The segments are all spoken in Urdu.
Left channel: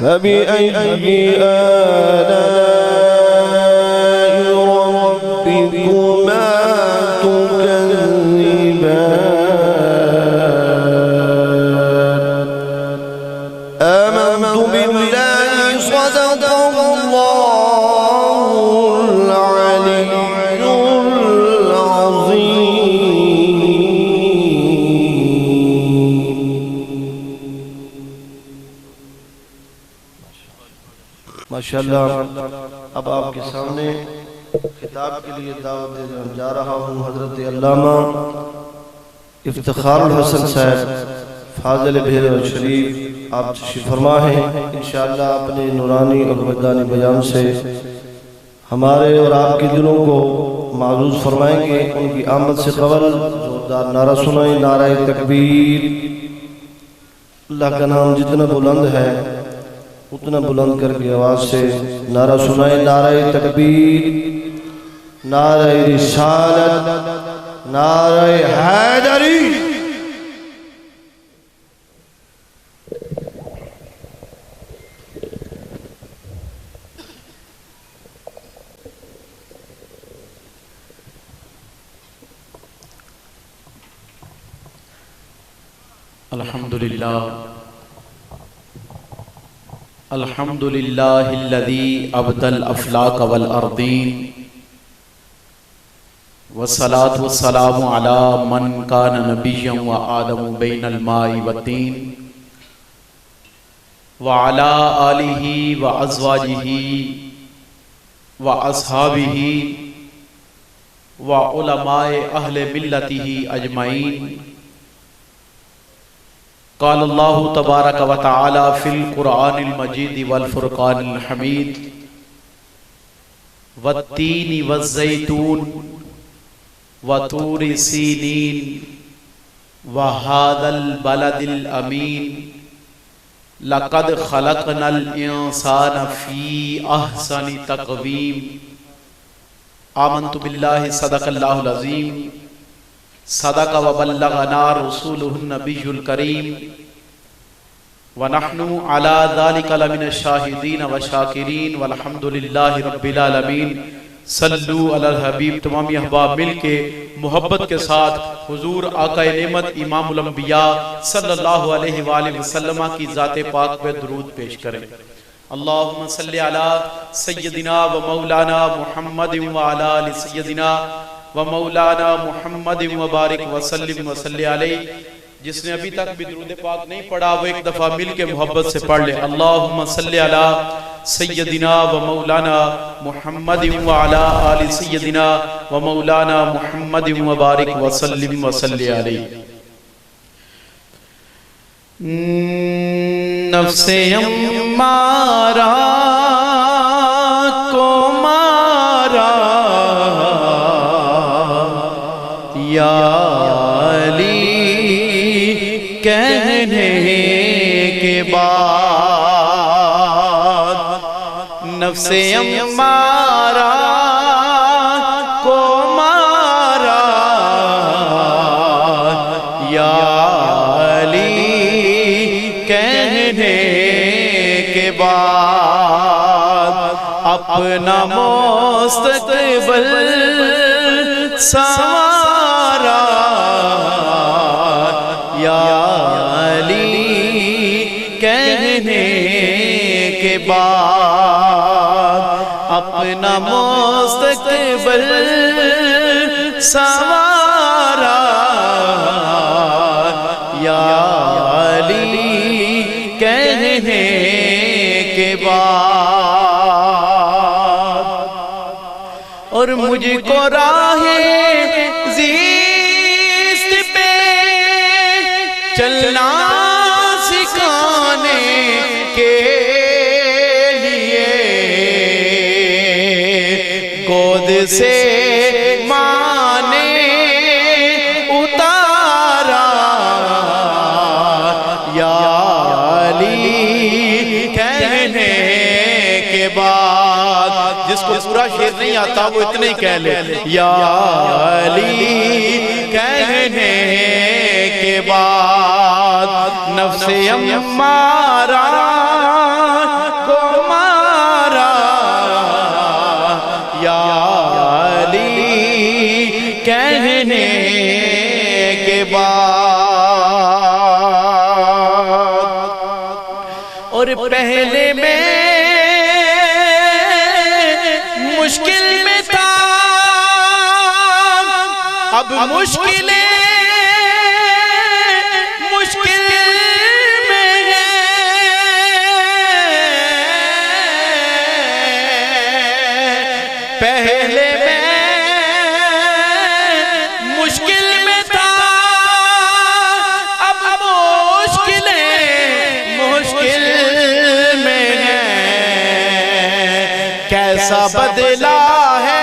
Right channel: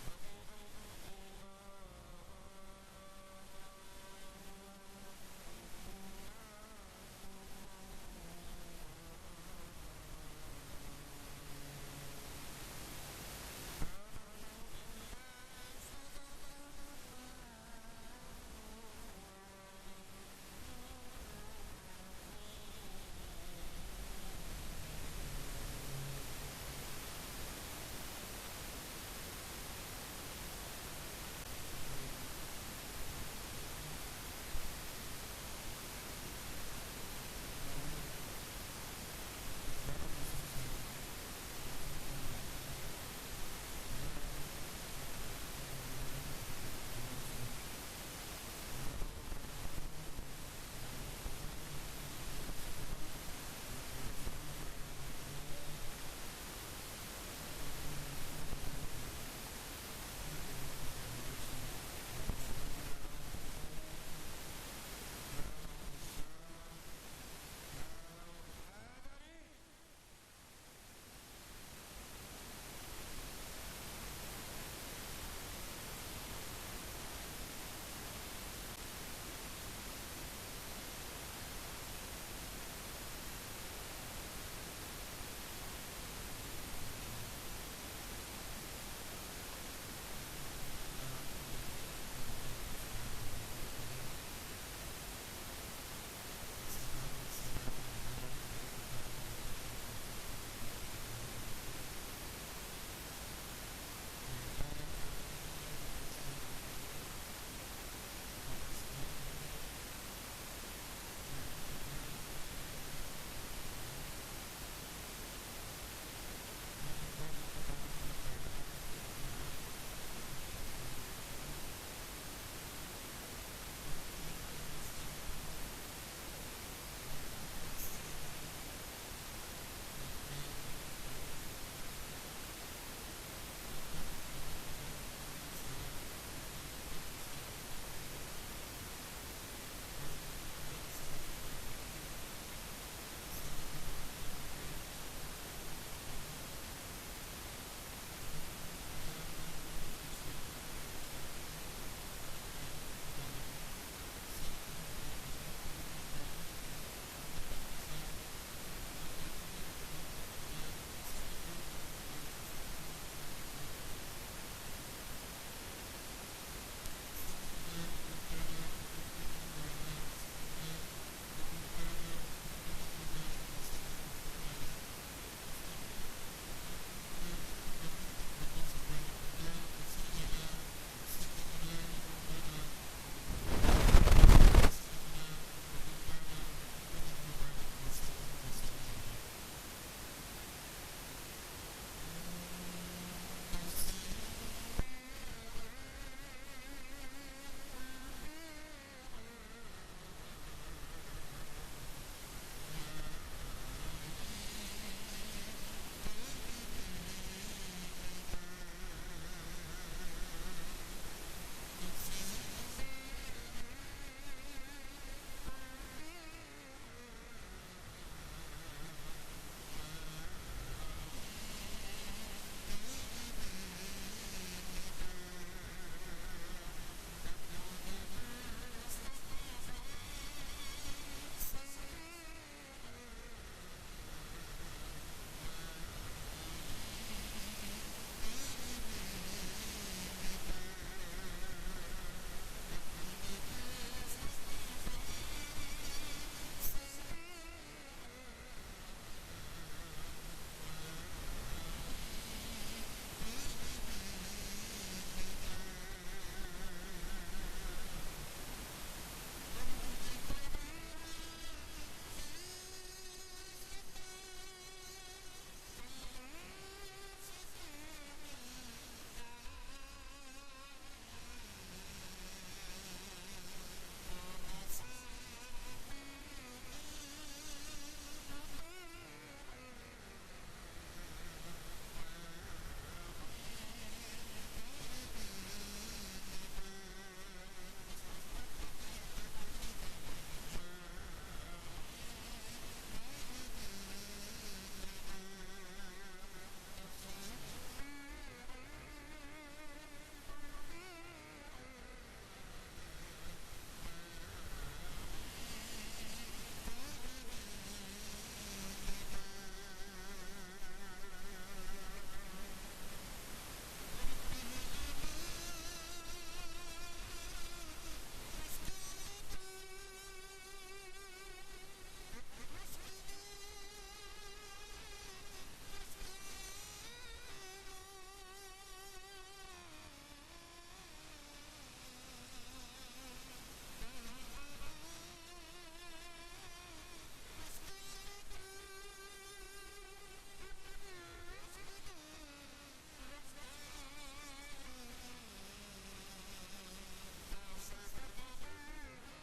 فبأي آلاء ربكما تكذبان آمنت بالله صدق الله العلي ماشاءاللہ. اب آپ کے سامنے کتاب کے لیے دعوت دینے جا رہا ہوں حضرت علامہ افتخار الحسن صاحب فاضل بہر شریف. آپ تشریف فرما ہیں. انشاءاللہ اپنے نورانی اور مدانی بیان سے ہمارے اور آپ کے دلوں کو معزوز فرمائیں گے. ان کی آمد سے قبل زوردار نعرہ سنائیں. نعرہ تکبیر. اللہ کا نام جتنا بلند ہے اتنا بلند کر کے آواز سے نعرہ سنائیں. نعرہ تکبیر، نعرہ رسالت، نعرہ حیدری. الحمدللہ الحمدللہ الذی ابدى الافلاک والارضین والصلاة والسلام علی من کان نبیا وآدم بین الماء والطین وعلی آلہ وازواجہ واصحابہ وعلماء اہل ملتہ اجمعین. قال اللہ تبارک و تعالی فی القرآن المجید والفرقان الحمید والتین والزیتون وطور سینین وهذا البلد الامین لقد خلقنا الانسان فی احسن تقویم. آمنت باللہ صدق اللہ العظیم صدق وبلغنا رسوله النبی الکریم ونحن على ذلك لمن الشاہدین والشاکرین والحمد للہ رب العالمین. صلو علی الحبیب. تمامی احباب مل کے محبت کے ساتھ حضور آقا نعمت امام الانبیاء صلی اللہ علیہ وآلہ وسلم کی ذات پاک پہ درود پیش کریں. اللہم صلی علی سیدنا و مولانا محمد وعلی آل سیدنا و مولانا محمد مبارک وسلم وصلی علیہ. جس نے ابھی تک بھی درود پاک نہیں پڑھا وہ ایک دفعہ مل کے محبت سے پڑھ لے. اللہم صلی علی سیدنا و مولانا محمد وعلی آل سیدنا و مولانا محمد مبارک وسلم وصلی علیہ. نفس امارہ نفس امارہ کو مارا یا علی کہنے کے بعد اپنا مستقبل سنوارا یا علی کہنے کے بعد اپنا مستقبل سنوارا یا علی کہنے کے بعد. اور مجھ کو راہ زیست پہ چلنا سکھانے کے سے ماں نے اتارا یا علی کہنے کے بعد. جس کو پورا شعر نہیں آتا وہ اتنے ہی کہہ لے. یا علی کہنے کے بعد نفس امارہ کہنے کے بعد اور پہلے میں مشکل میں تھا اب مشکلیں مشکل میں ہے پہلے میں مشکل میں تھا اب مشکلیں مشکل میں ہے کیسا بدلا ہے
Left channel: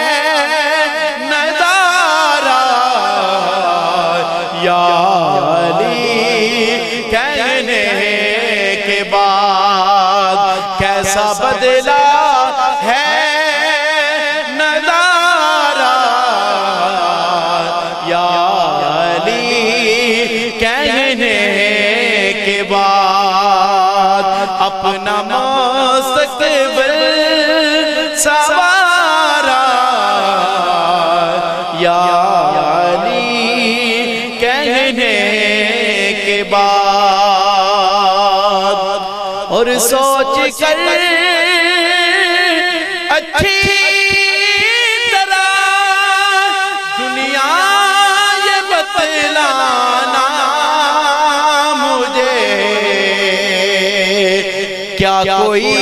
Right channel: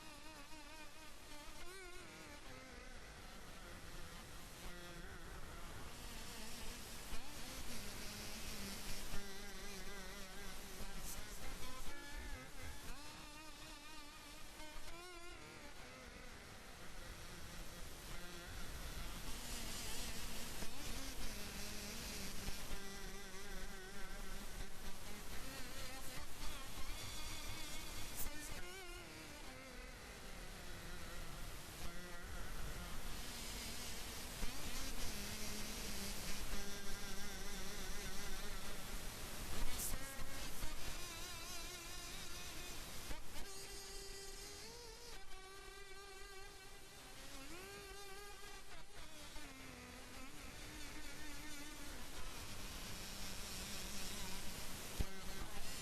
بدلا ہے نظارہ یا علی کہنے کے بعد اپنا مستقبل سوارا یا علی کہنے کے بعد اور سوچ کر اچھی طرح دنیا یہ بتلانا مجھے کیا کوئی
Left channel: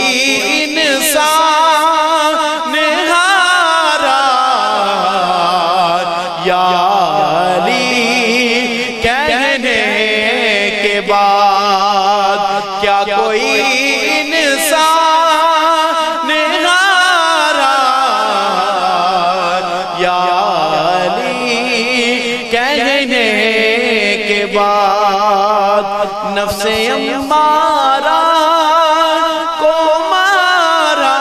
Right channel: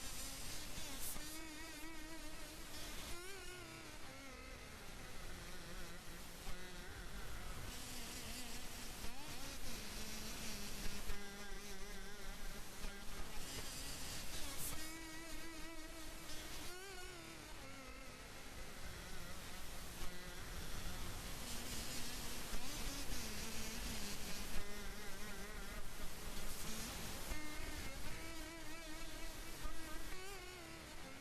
انسان ہارا یا علی کہنے کے بعد کیا کوئی نفس امارہ کو مارا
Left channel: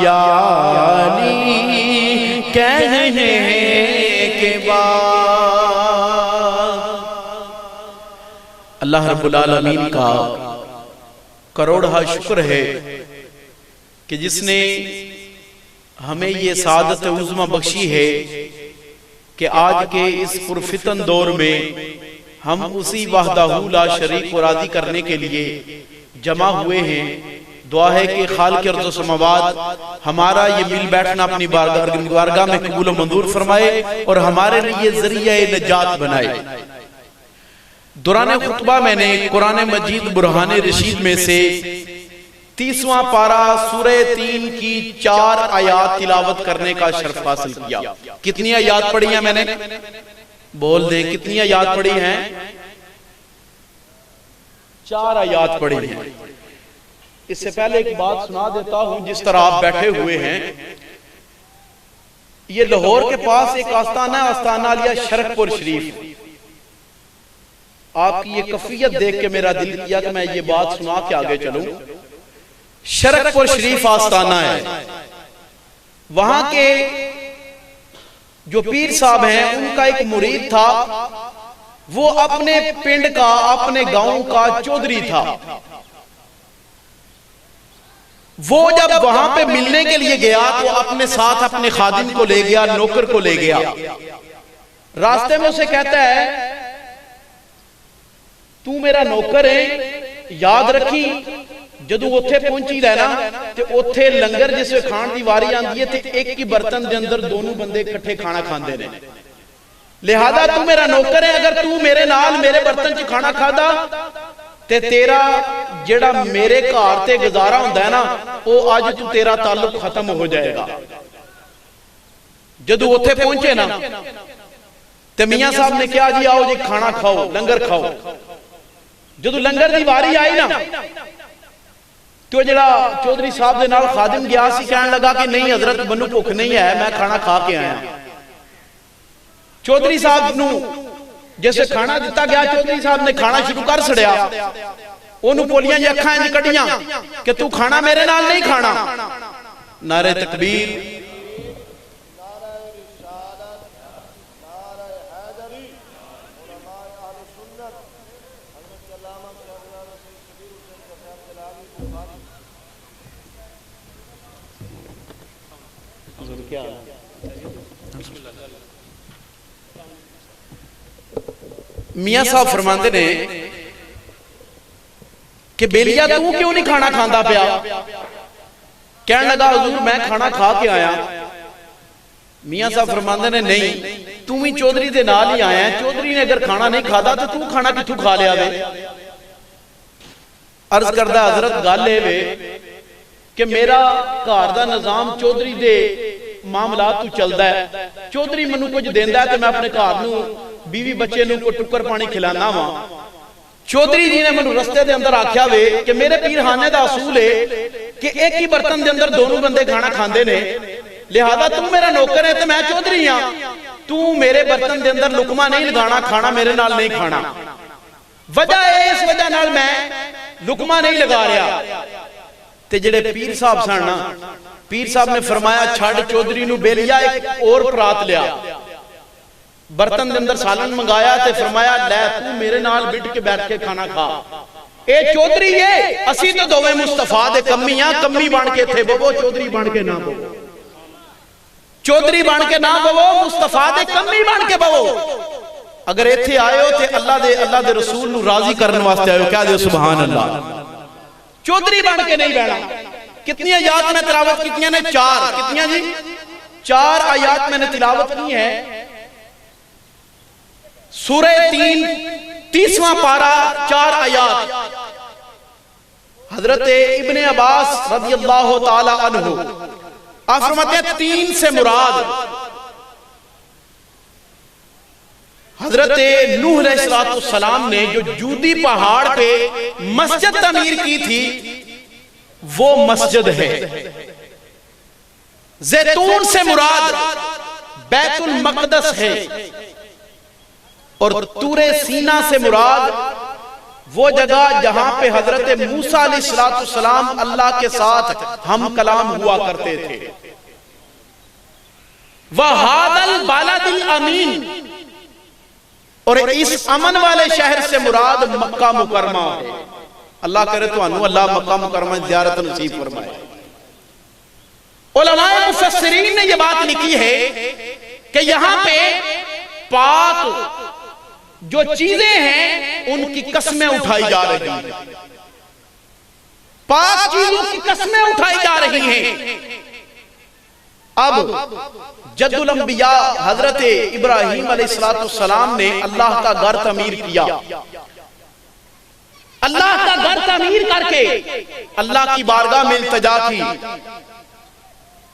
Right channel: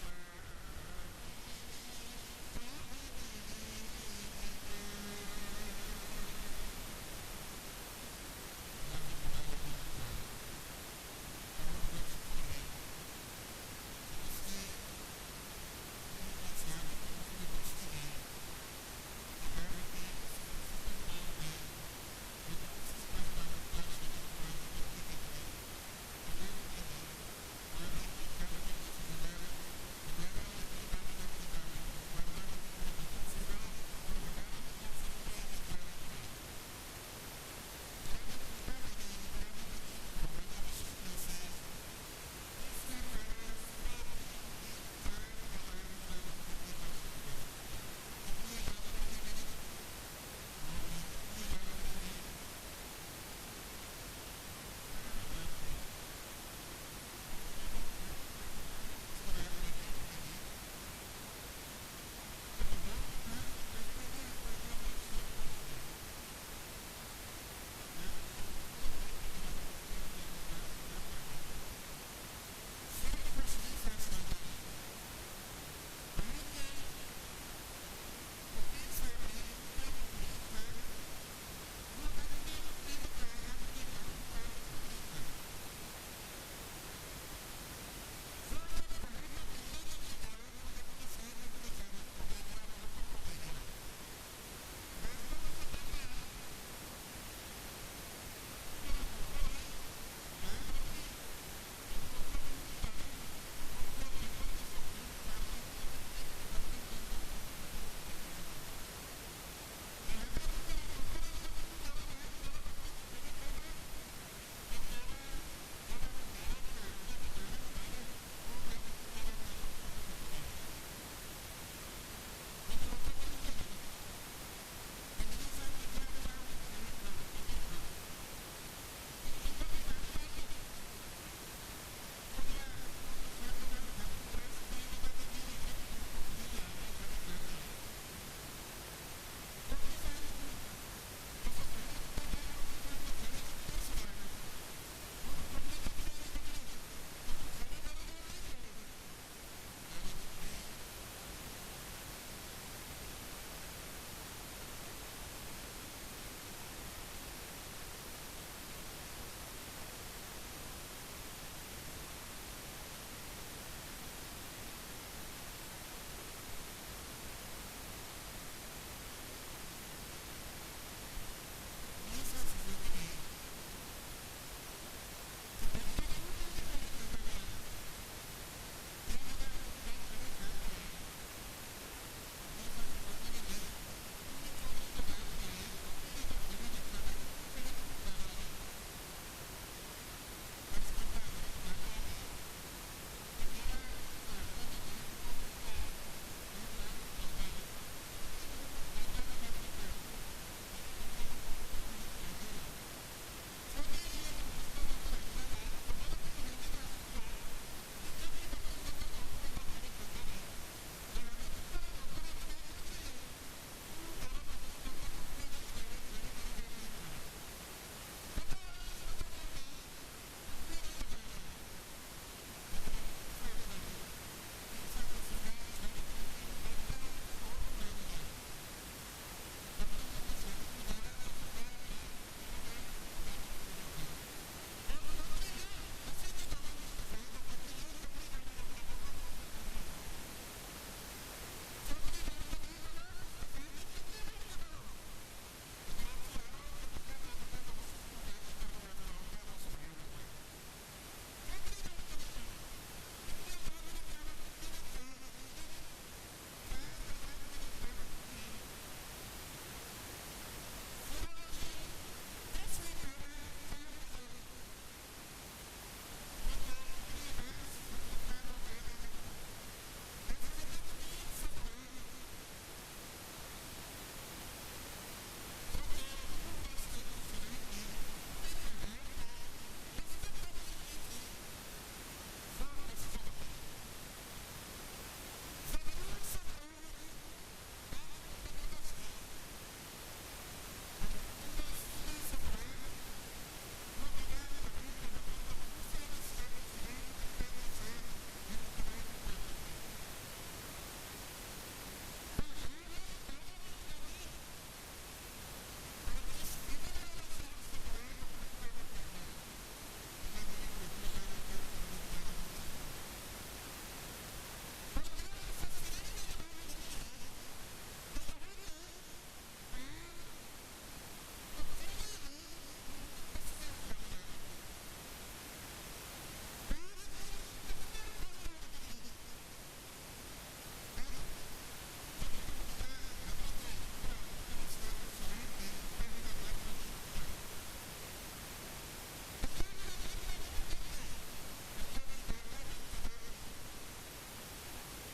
یا علی کہنے کے بعد اللہ رب العالمین کا کروڑہ شکر ہے کہ جس نے ہمیں یہ سعادت عظمی بخشی ہے کہ آج کے اس پرفتن دور میں ہم اسی وحدہ لا شریک کو راضی کرنے کے لیے جمع ہوئے ہیں دعا ہے کہ خالق ارض و سماوات ہمارا یہ مل بیٹھنا اپنی بارگاہ میں قبول و منظور فرمائے اور ہمارے لیے ذریعہ نجات بنائے دوران خطبہ میں نے قرآن مجید برہان رشید میں سے 30واں پارہ سورہ 3 کی 4 آیات تلاوت کرنے کا شرف حاصل کیا کتنی آیات پڑھی ہیں میں نے بول دیں کتنی آیات پڑھی ہیں 4 آیات پڑھی ہیں اس سے پہلے ایک بات سنا دیتا ہوں جس طرح آپ بیٹھے ہوئے ہیں یہ لاہور کے پاس ایک آستانہ ہے آستانہ علیہ شرک پور شریف آپ کی یہ کفیت دیکھ کے میرا دل کیا کہ میں یہ بات سنا کے آگے چلوں شرک پور شریف آستانہ ہے وہاں کے جو پیر صاحب ہیں ان کا ایک مرید تھا وہ اپنے پنڈ کا اپنے گاؤں کا چودھری تھا وہ جب وہاں پہ ملنے کے لیے گیا تو اپنے ساتھ اپنے خادم کو لے گیا نوکر کو لے گیا راستے میں اسے کہتا ہے تو میرا نوکر ہے یاد رکھی جدو اوتھے پہنچی رہنا تے اوتھے لنگر جس میں کھان دی واری آندی ہے تے ایک کی برتن دے اندر دونوں بندے کٹھے کھانا کھاندے نے لہذا تو میرا نوکر ہے اگر تو میرے نال میرے برتن چ کھانا کھادا تے تیرا جڑا میرے گھر تے گزارا ہوندا ہے نا او اج تو تیرا تعلق ختم ہو جائے گا جدو اوتھے پہنچے نا تے میاں صاحب نے کہا جی آؤ جی کھانا کھاؤ لنگر کھاؤ جدو لنگر دی واری آئی نا تو جڑا چودھری صاحب دے نال خادم گیا سی کہنے لگا کہ نہیں حضرت منو بھوک نہیں ہے میں کھانا کھا کے آیا چودھری صاحب نو جیسے کھانا دیتا گیا چودھری صاحب نے کھانا شروع کر سڑیا انہوں بولیاں جی اکھاں جی کڑیاں کہ تو کھانا میرے نال نہیں کھانا نعرہ تکبیر میاں صاحب فرماندے نے کہ بیلیا تو کیوں نہیں کھانا کھاندا پیا؟ کہنے لگا حضور میں کھانا کھا کے آیا۔ میاں صاحب فرماندے نے نہیں، تم ہی چودھری دے نال ہی آیا ہے، چودھری نے اگر کھانا نہیں کھادا تو تو کھانا کتھوں کھا لیا وے؟ عرض کردہ حضرت گل اے وے کہ میرا گھر دا نظام چودھری دے معاملات تو چلدا ہے، چودھری منو کچھ دیندا ہے کہ میں اپنے گھر نو بیوی بچے نو کو ٹکر پانی کھلانا وا۔ چودھری جی نے منو رستے دے اندر آکھیا وے کہ میرے پیرخانے دا اصول ہے کہ ایک ہی برتن دے اندر دونوں بندے کھانا کھاندے نے، لہذا تو میرا نوکر ہے تو میں چودھری ہاں، تو میرے برتن دے اندر لقمہ نہیں لگانا، کھانا میرے نال نہیں کھانا۔ وجہ ہے اس وجہ نال میں لقمہ نہیں لگا رہا۔ تے جڑے پیر صاحب سن نا، پیر صاحب نے فرمایا چھڑ چودھری نو بیلیا ایک اور پرات لیا، برتن دے اندر سالن منگایا تے فرمایا لے تو میرے نال بٹ کے بیٹھ کے کھانا کھا۔ اے چودھری ہے، اسی تو دوویں مصطفیٰ دے کمی ہاں، کمی بن کے تھے بوو، چودھری بن کے نہ بوو، چودھری بن کے نہ بوو، مصطفیٰ دے کمی بن کے بوو۔ اگر ایتھے آئے ہو تے اللہ دے رسول نو راضی کرنے واسطے آئے ہو، کہہ دے سبحان اللہ، چودھری بن کے نہیں بیٹھا۔ کتنی آیات میں تلاوت کتنی نے؟ 4۔ کتنی جی؟ 4 آیات میں نے تلاوت کی ہے۔ سورہ 3 30واں پارہ 4 آیات۔ حضرت ابن عباس رضی اللہ تعالی عنہ آپ فرماتے ہیں 3 سے مراد حضرت نوح علیہ السلام نے جو جودی پہاڑ پہ مسجد تعمیر کی تھی وہ مسجد ہے۔ زیتون سے مراد بیت المقدس ہے، اور طور سینا سے مراد وہ جگہ جہاں پہ حضرت موسیٰ علیہ السلام اللہ کے ساتھ ہم کلام ہوا کرتے تھے۔ وَهَذَا الْبَلَدِ الْأَمِينَ، اور اس امن والے شہر سے مراد مکہ مکرمہ ہے۔ اللہ کرے تو انہوں اللہ مکہ مکرمہ زیارت نصیب فرمائے۔ علماء مفسرین نے یہ بات لکھی ہے کہ یہاں پہ پاک جو چیزیں ہیں ان کی قسمیں اٹھائی جا رہی ہیں، پاک چیزوں کی قسمیں اٹھائی جا رہی ہیں۔ اب جد الانبیاء حضرت ابراہیم علیہ السلام نے اللہ کا گھر تعمیر کیا، اللہ کا گھر تعمیر کر کے اللہ کی بارگاہ میں التجا کی،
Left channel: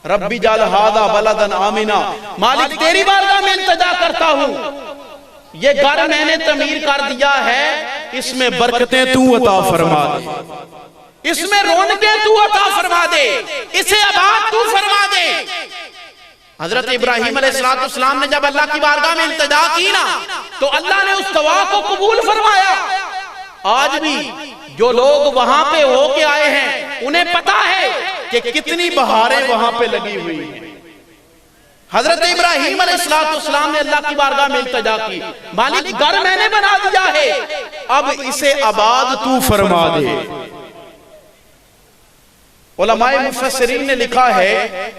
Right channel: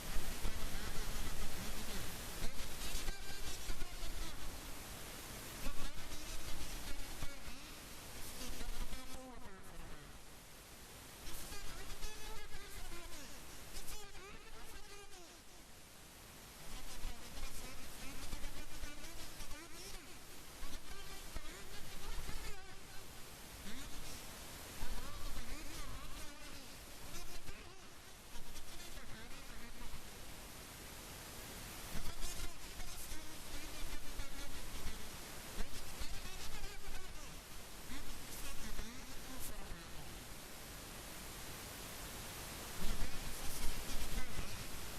ربی جعل ھذا بلدن آمنا، مالک تیری بارگاہ میں التجا کرتا ہوں، یہ گھر میں نے تعمیر کر دیا ہے، اس میں برکتیں تو عطا فرما دے، اس میں رونقیں تو عطا فرما دے، اسے آباد تو فرما دے۔ حضرت ابراہیم علیہ السلام نے جب اللہ کی بارگاہ میں التجا کی نا تو اللہ نے اس دعا کو قبول فرمایا۔ آج بھی جو لوگ وہاں پہ ہو کے آئے ہیں انہیں پتا ہے کہ کتنی بہاریں وہاں پہ لگی ہوئی ہیں۔ حضرت ابراہیم علیہ السلام نے اللہ کی بارگاہ میں التجا کی، مالک گھر میں نے بنا دیا ہے، اب اسے آباد تو فرما دے۔ علماء مفسرین نے لکھا ہے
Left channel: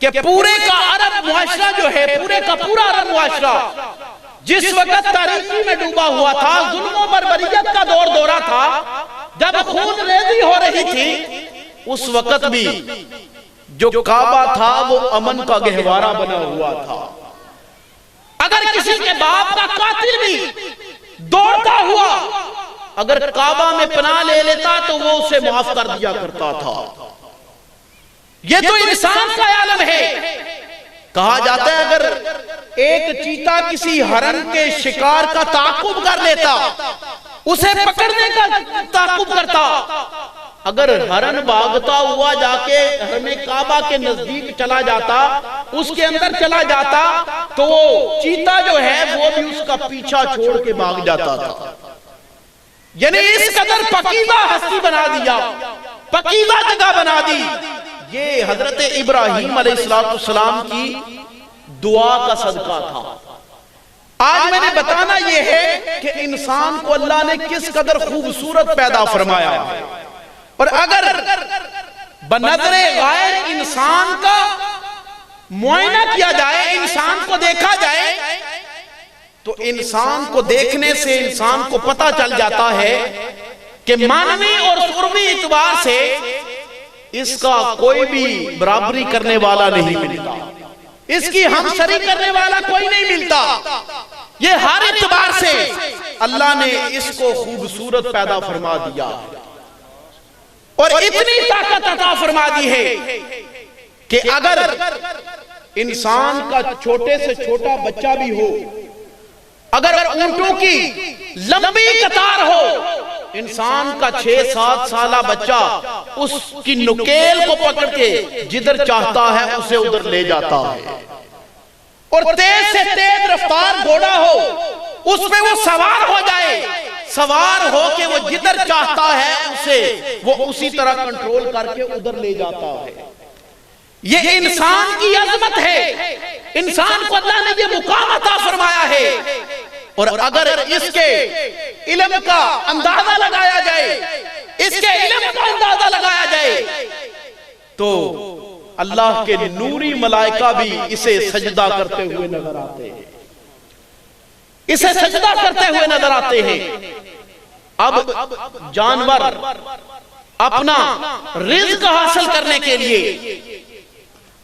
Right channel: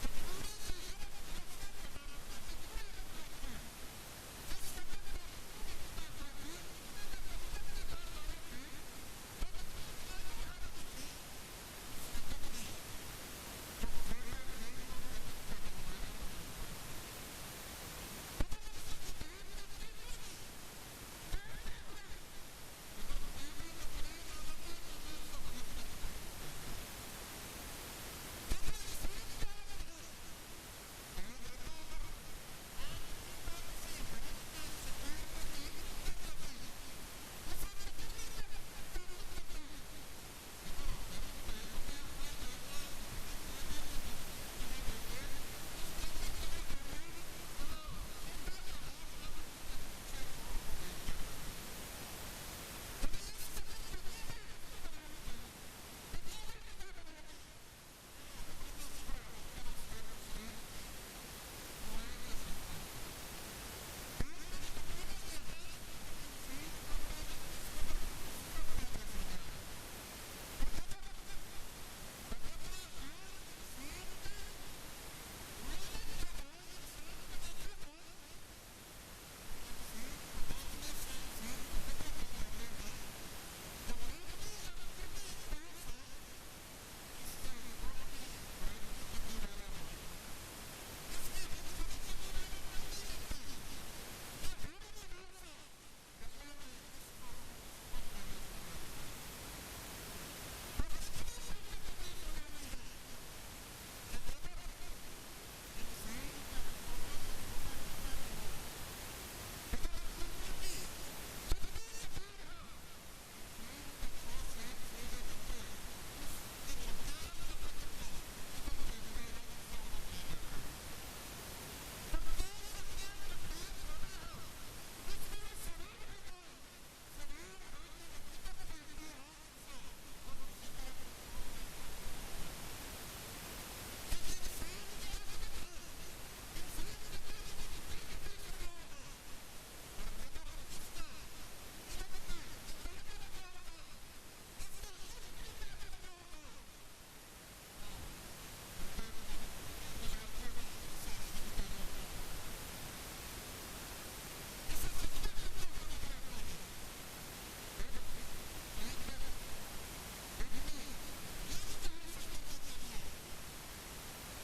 کہ پورے کا عرب معاشرہ جو ہے، پورے کا پورا عرب معاشرہ جس وقت تاریکی میں ڈوبا ہوا تھا، ظلم و بربریت کا دور دورہ تھا، جب خون ریزی ہو رہی تھی، اس وقت بھی جو کعبہ تھا وہ امن کا گہوارہ بنا ہوا تھا۔ اگر کسی کے باپ کا قاتل بھی دوڑتا ہوا اگر کعبہ میں پناہ لے لیتا تو وہ اسے معاف کر دیا کرتا تھا۔ یہ تو انسان کا عالم ہے۔ کہا جاتا ہے اگر ایک چیتا کسی ہرن کے شکار کا تعاقب کر لیتا، اسے پکڑنے کا تعاقب کرتا، اگر ہرن بھاگتا ہوا جا کے حرم کعبہ کے نزدیک چلا جاتا، اس کے اندر چلا جاتا، تو وہ چیتا جو ہے وہ بھی اس کا پیچھا چھوڑ کے بھاگ جاتا تھا۔ یعنی اس قدر پکیزہ ہستی بنا دیا، پکیزہ جگہ بنا دی۔ یہ حضرت ابراہیم علیہ السلام کی دعا کا صدقہ تھا۔ آج میں نے بتانا یہ ہے کہ انسان کو اللہ نے کس قدر خوبصورت پیدا فرمایا، اور اگر بنظر غیر انسان کا معائنہ کیا جائے، انسان کو دیکھا جائے، تو انسان کو دیکھنے سے انسان کو پتہ چل جاتا ہے کہ معنوی اور قربی اعتبار سے اس کا کوئی بھی برابری کرنے والا نہیں ملتا، اس کی ہم سری کرنے والا کوئی نہیں ملتا۔ یہ ہر اعتبار سے اللہ نے اس کو خوبصورت پیدا فرما دیا اور اتنی طاقت عطا فرما دی ہے کہ اگر انسان کا چھوٹے سے چھوٹا بچہ بھی ہو، اگر اونٹوں کی لمبی قطار ہو، انسان کا 6-7 سالہ بچہ اس کی نکیل کو پکڑ کے جدھر چاہتا ہے اسے ادھر لے جاتا ہے، اور تیز سے تیز رفتار گھوڑا ہو اس پہ وہ سوار ہو جائے، سوار ہو کے وہ جدھر چاہتا ہے اسے وہ اسی طرح کنٹرول کر کے ادھر لے جاتا ہے۔ یہ انسان کی عظمت ہے، انسان کو اللہ نے یہ مقام عطا فرمایا ہے، اور اگر اس کے علم کا اندازہ لگایا جائے، اس کے علم کا اندازہ لگایا جائے تو اللہ کے نوری ملائکہ بھی اسے سجدہ کرتے ہوئے نظر آتے ہیں، اسے سجدہ کرتے ہوئے نظر آتے ہیں۔ اب جانور اپنا رزق حاصل کرنے کے لیے،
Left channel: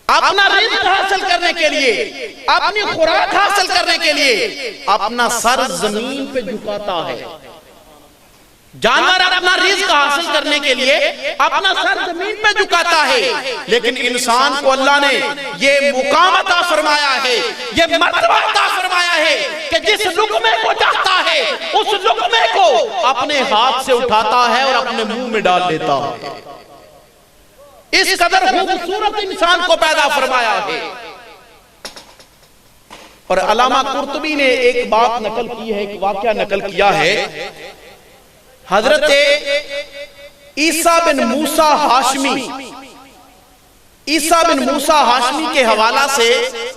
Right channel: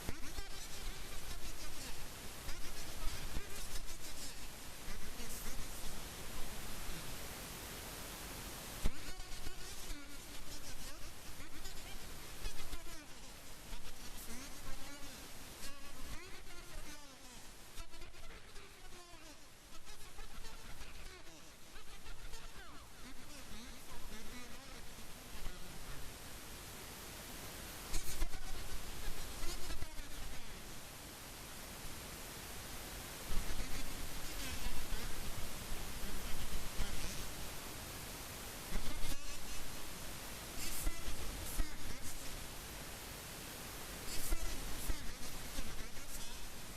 اپنا رزق حاصل کرنے کے لیے، اپنی خوراک حاصل کرنے کے لیے اپنا سر زمین پہ جھکاتا ہے۔ جانور اپنا رزق حاصل کرنے کے لیے اپنا سر زمین پہ جھکاتا ہے، لیکن انسان کو اللہ نے یہ مقام عطا فرمایا ہے، یہ مرتبہ عطا فرمایا ہے کہ جس لقمے کو چاہتا ہے اس لقمے کو اپنے ہاتھ سے اٹھاتا ہے اور اپنے منہ میں ڈال لیتا ہے۔ اس قدر خوبصورت انسان کو پیدا فرمایا ہے۔ اور علامہ قرطبی نے ایک بات نقل کی ہے، ایک واقعہ نقل کیا ہے۔ حضرت عیسیٰ بن موسیٰ ہاشمی، عیسیٰ بن موسیٰ ہاشمی کے حوالہ سے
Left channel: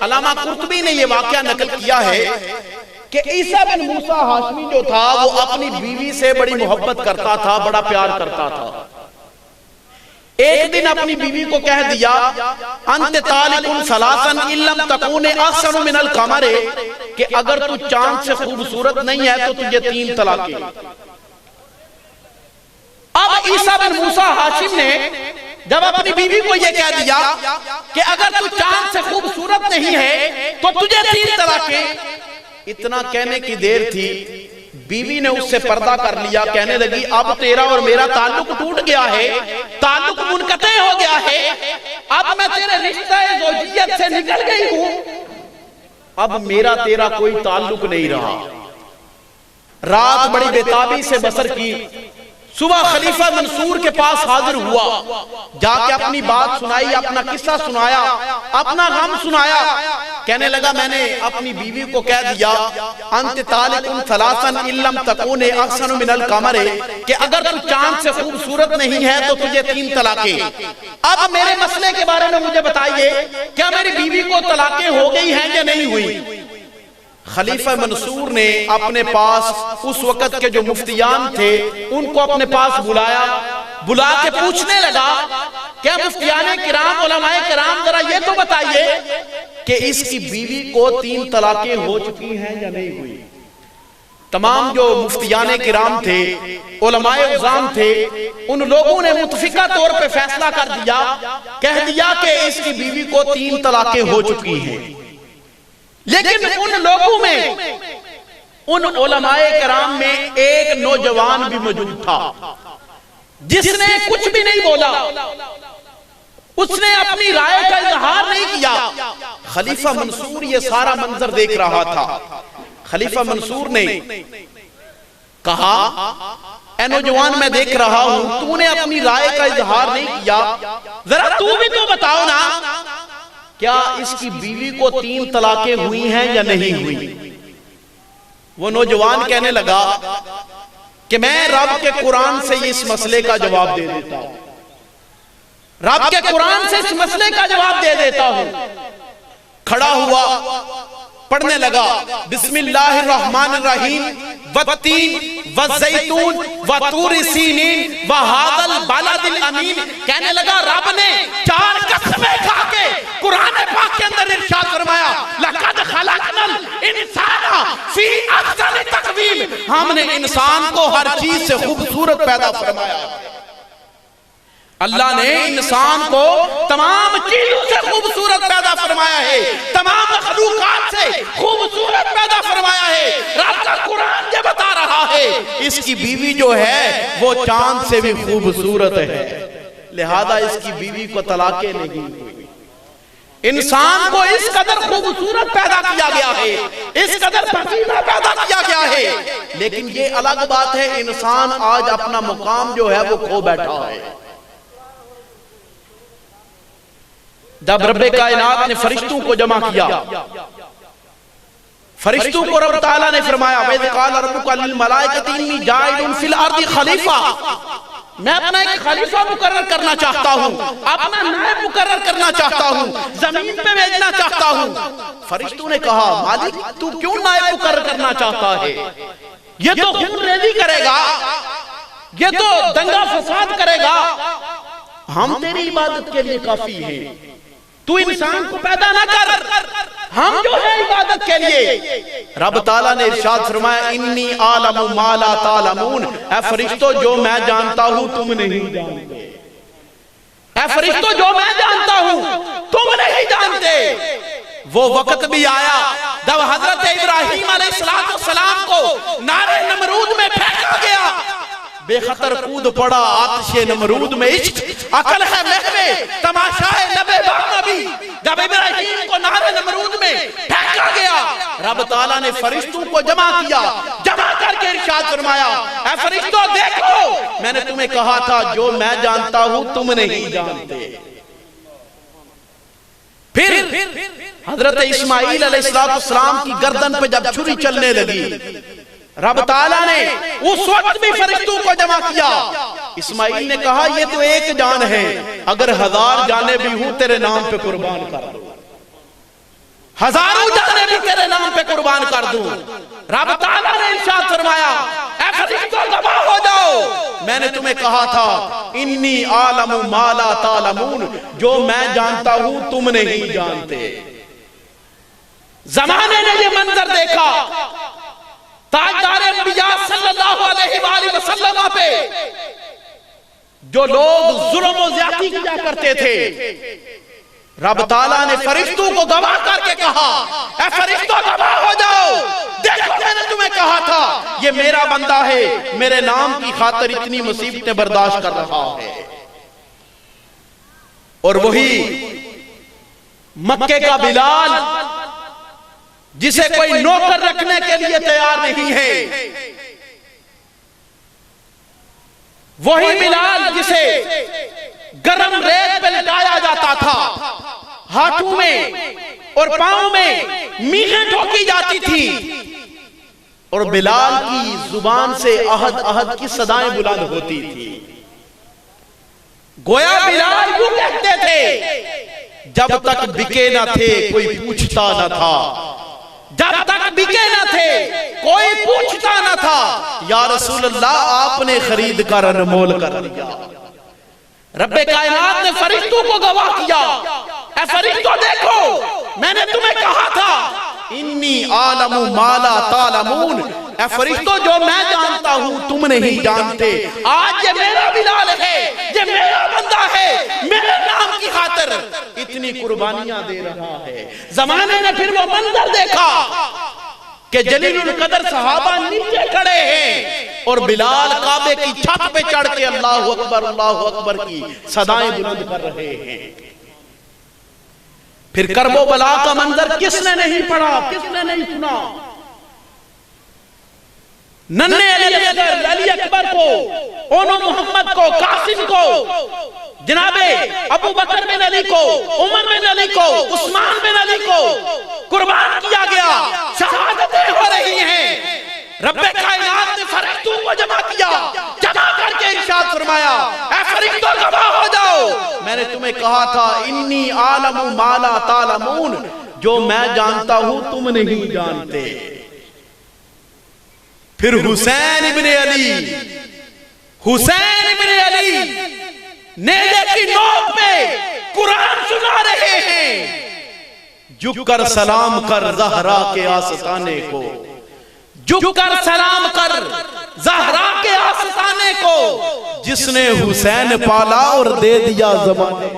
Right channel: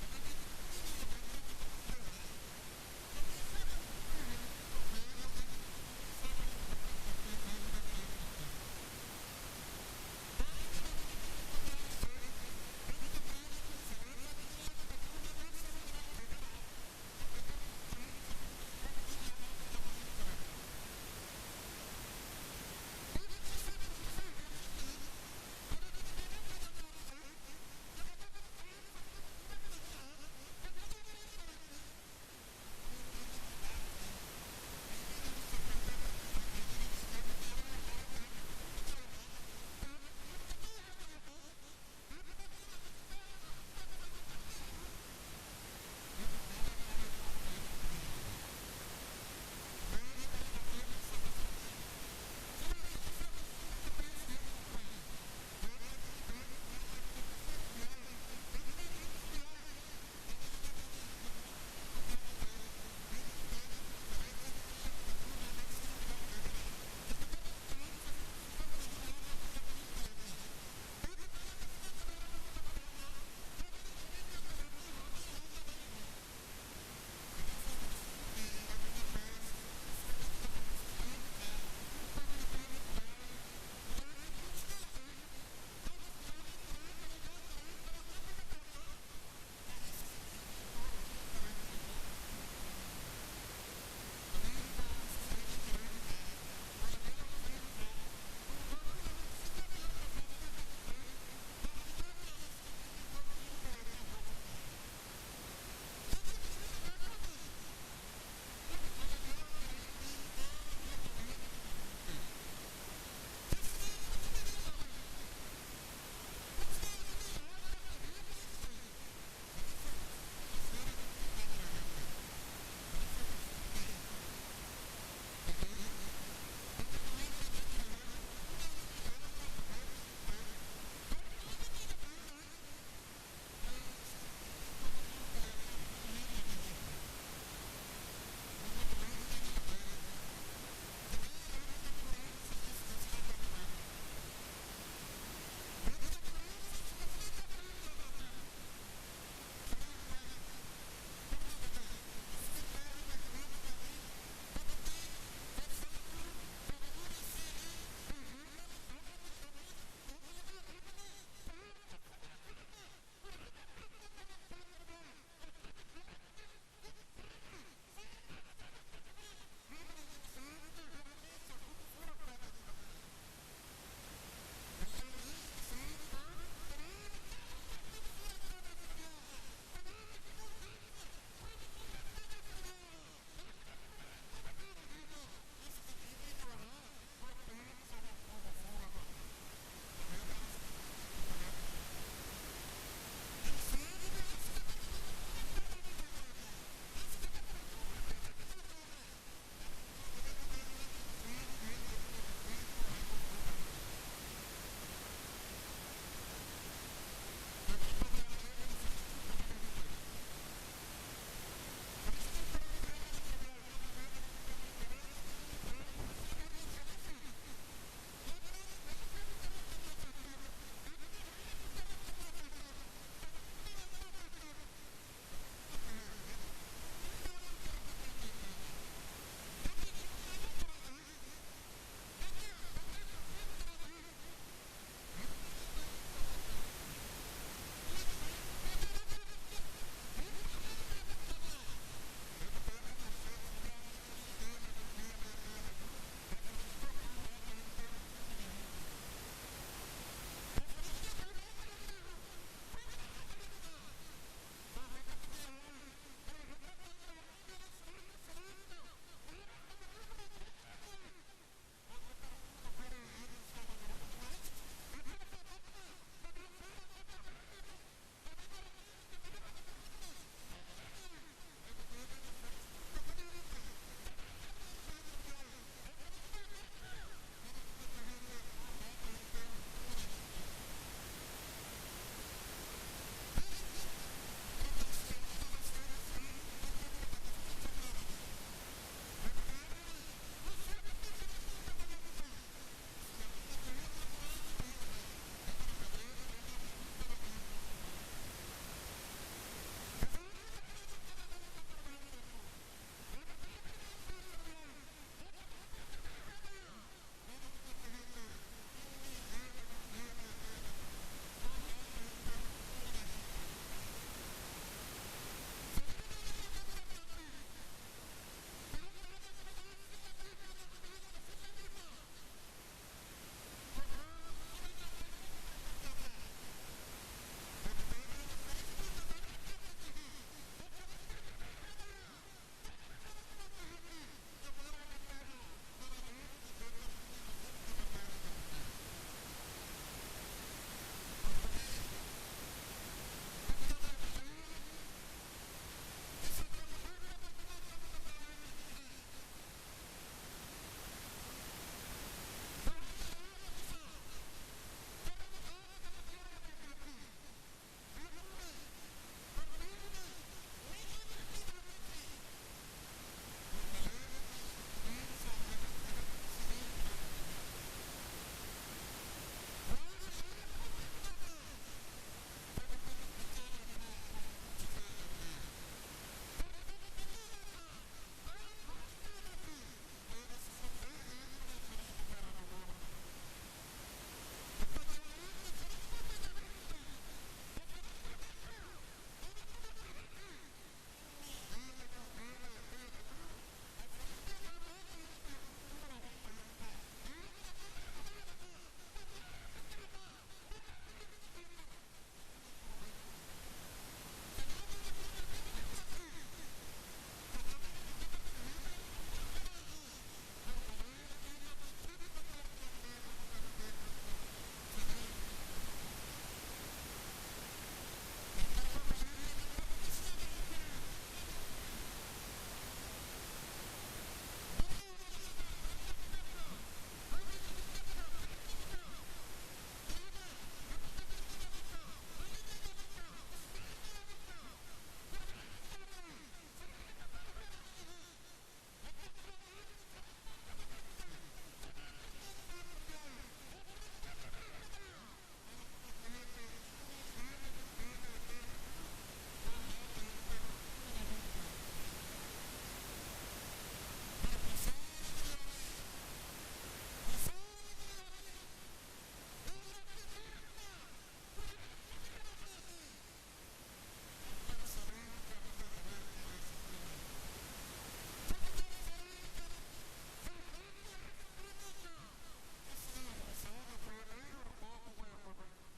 علامہ قرطبی نے یہ واقعہ نقل کیا ہے کہ عیسیٰ بن موسیٰ ہاشمی جو تھا وہ اپنی بیوی سے بڑی محبت کرتا تھا، بڑا پیار کرتا تھا۔ ایک دن اپنی بیوی کو کہہ دیا انت طالق ثلاثا ان لم تکون احسن من القمر، کہ اگر تو چاند سے خوبصورت نہیں ہے تو تجھے 3 طلاقیں۔ اب عیسیٰ بن موسیٰ ہاشم نے جب اپنی بیوی کو یہ کہہ دیا کہ اگر تو چاند سے خوبصورت نہیں ہے تو تجھے 3 طلاقیں، اتنا کہنے کی دیر تھی بیوی نے اس سے پردہ کر لیا، کہنے لگی اب تیرا اور میرا تعلق ٹوٹ گیا ہے، تعلق منقطع ہو گیا ہے، اب میں تیرے رشتہ زوجیت سے نکل گئی ہوں، اب میرا تیرا کوئی تعلق نہیں رہا۔ رات بڑی بےتابی سے بسر کی، صبح خلیفہ منصور کے پاس حاضر ہوا، جا کے اپنی بات سنائی، اپنا قصہ سنایا، اپنا غم سنایا۔ کہنے لگا میں نے اپنی بیوی کو کہہ دیا انت طالق ثلاثا ان لم تکون احسن من القمر، کہ اگر تو چاند سے خوبصورت نہیں ہے تو تجھے 3 طلاقیں۔ اب میرے مسئلے کے بارے میں مجھے بتائیے، کیا میری بیوی کو طلاقیں ہو گئی ہیں یا نہیں ہوئی؟ خلیفہ منصور نے اپنے پاس اس وقت کے جو مفتیان تھے ان کو اپنے پاس بلایا، بلا کے پوچھنے لگا کیا مفتیان کرام، علماء کرام ذرا یہ تو بتائیے کہ اس کی بیوی کو 3 طلاقیں ہو چکی ہیں یا نہیں ہوئی؟ تمام جو مفتیان کرام تھے، علماء عظام تھے، ان لوگوں نے متفقہ طور پہ فیصلہ کر دیا، کہہ دیا کہ اس کی بیوی کو 3 طلاقیں ہو چکی ہیں۔ لیکن ان لوگوں میں، ان علماء کرام میں ایک نوجوان بھی موجود تھا جس نے کچھ بھی نہیں بولا، اس نے اپنی رائے کا اظہار نہیں کیا۔ خلیفہ منصور یہ سارا منظر دیکھ رہا تھا۔ خلیفہ منصور نے کہا اے نوجوان میں دیکھ رہا ہوں تو نے اپنی رائے کا اظہار نہیں کیا، ذرا تو بھی تو بتاؤ نا کیا اس کی بیوی کو 3 طلاقیں ہوئی ہیں یا نہیں ہوئی؟ وہ نوجوان کہنے لگا کہ میں رب کے قرآن سے اس مسئلے کا جواب دے دیتا ہوں، رب کے قرآن سے اس مسئلے کا جواب دے دیتا ہوں۔ کھڑا ہوا، پڑھنے لگا بسم اللہ الرحمن الرحیم والتین والزیتون وطور سینین وہذا البلد الامین. کہنے لگا رب نے 4 قسمیں کھا کے قرآن پاک کے اندر ارشاد فرمایا لقد خلقنا الانسان فی احسن تقویم. ہم نے انسان کو ہر چیز سے خوبصورت پیدا فرمایا. اللہ نے انسان کو تمام چیزوں سے خوبصورت پیدا فرمایا ہے, تمام مخلوقات سے خوبصورت پیدا فرمایا ہے. رب کا قرآن یہ بتا رہا ہے اس کی بیوی جو ہے وہ چاند سے بھی خوبصورت ہے, لہذا اس کی بیوی کو طلاقیں نہیں ہوئی. انسان کو اس قدر خوبصورت پیدا کیا گیا ہے, اس قدر پسینہ پیدا کیا گیا ہے. لیکن یہ الگ بات ہے انسان آج اپنا مقام جو ہے وہ کھو بیٹھا ہے. جب رب کائنات نے فرشتوں کو جمع کیا, فرشتوں کو رب تعالیٰ نے فرمایا وَإِذْ قَالَ رَبُّكَ لِلْمَلَائِكَةِ إِنِّي جَاعِلٌ فِي الْأَرْضِ خَلِيفَةً. میں اپنا ایک خلیفہ مقرر کرنا چاہتا ہوں, اپنا نائب مقرر کرنا چاہتا ہوں, زمین پہ بھیجنا چاہتا ہوں. فرشتوں نے کہا مالک تو کیوں نائب مقرر کرنا چاہتا ہے؟ یہ تو خون ریزی کرے گا, یہ تو دنگا فساد کرے گا. ہم تیری عبادت کے لیے کافی ہیں, تو انسان کو پیدا نہ کر, ہم جو ہے عبادت کے لیے. رب تعالیٰ نے ارشاد فرمایا انی عالم ما لا تعلمون. اے فرشتوں جو میں جانتا ہوں تم نہیں جانتے, اے فرشتوں جو میں جانتا ہوں تم نہیں جانتے. وہ وقت بھی آیا جب حضرت ابراہیم علیہ السلام کو نار نمرود میں پھینکا گیا, بے خطر کود پڑا آتش نمرود میں. عشق عقل ہے محوے تماشائے نبے با نبی. جب ابراہیم کو نار نمرود میں پھینکا گیا رب تعالیٰ نے فرشتوں کو جمع کیا, جمع کر کے ارشاد فرمایا اے فرشتوں دیکھو میں نے تمہیں کہا تھا جو میں جانتا ہوں تم نہیں جانتے. پھر حضرت اسماعیل علیہ السلام کی گردن پہ جب چھری چلنے لگی رب تعالیٰ نے اس وقت بھی فرشتوں کو جمع کیا. اسماعیل نے کہا یہ تو ایک جان ہے, اگر 1000 جانیں بھی ہوں تیرے نام پہ قربان کر دوں, 1000 جانیں بھی تیرے نام پہ قربان کر دوں. رب تعالیٰ نے ارشاد فرمایا اے فرشتوں گواہ ہو جاؤ, میں نے تمہیں کہا تھا انی عالم ما لا تعلمون, جو میں جانتا ہوں تم نہیں جانتے. زمانے نے یہ منظر دیکھا, تاجدار انبیاء صلی اللہ علیہ وآلہ وسلم پہ جو لوگ ظلم و زیادتی کیا کرتے تھے, رب تعالیٰ نے فرشتوں کو گواہ کر کے کہا اے فرشتوں گواہ ہو جاؤ, دیکھو میں نے تمہیں کہا تھا یہ میرا بندہ ہے, میرے نام کی خاطر اتنی مصیبتیں برداشت کر رہا ہے. اور وہی مکے کا بلال جسے کوئی نوکر رکھنے کے لیے تیار نہیں ہے, وہی بلال جسے گرم ریت پہ لٹایا جاتا تھا, ہاتھوں میں اور پاؤں میں میخیں ٹھوکی جاتی تھی, اور بلال کی زبان سے احد احد کی صدائیں بلند ہوتی تھی. گویا بلال یوں کہتے تھے جب تک بکے نہ تھے کوئی پوچھتا نہ تھا, جب تک بکے نہ تھے کوئی پوچھتا نہ تھا, یا رسول اللہ آپ نے خرید کر انمول کر دیا. رب کائنات نے فرشتوں کو گواہ کیا اے فرشتوں دیکھو میں نے تمہیں کہا تھا انی عالم ما لا تعلمون, اے فرشتوں جو میں جانتا ہوں تم نہیں جانتے. آج یہ میرا بلال ہے, یہ میرا بندہ ہے, میرے نام کی خاطر اتنی قربانیاں دے رہا ہے. زمانے نے پھر وہ منظر دیکھا کہ جلیل القدر صحابہ نیچے کھڑے ہیں اور بلال کعبے کی چھت پہ چڑھ کے اللہ اکبر کی صدائیں بلند کر رہے ہیں. پھر کرب و بلا کا منظر کس نے نہیں پڑھا, کس نے نہیں سنا. ننھے علی اکبر کو, اونو محمد کو, قاسم کو, جناب ابو بکر بن علی کو, عمر بن علی کو, عثمان بن علی کو قربان کیا گیا. شہادتیں ہو رہی ہیں. رب کائنات نے فرشتوں کو جمع کیا, جمع کر کے ارشاد فرمایا اے فرشتوں گواہ ہو جاؤ میں نے تمہیں کہا تھا انی عالم ما لا تعلمون, جو میں جانتا ہوں تم نہیں جانتے. پھر حسین ابن علی نیزے کی نوک پہ قرآن سنا رہے ہیں، جھک کر سلام کر زہرا کے آستانے کو، جھک کر سلام کر زہرا کے آستانے کو، جس نے حسین پالا اور دے دیا زمانے۔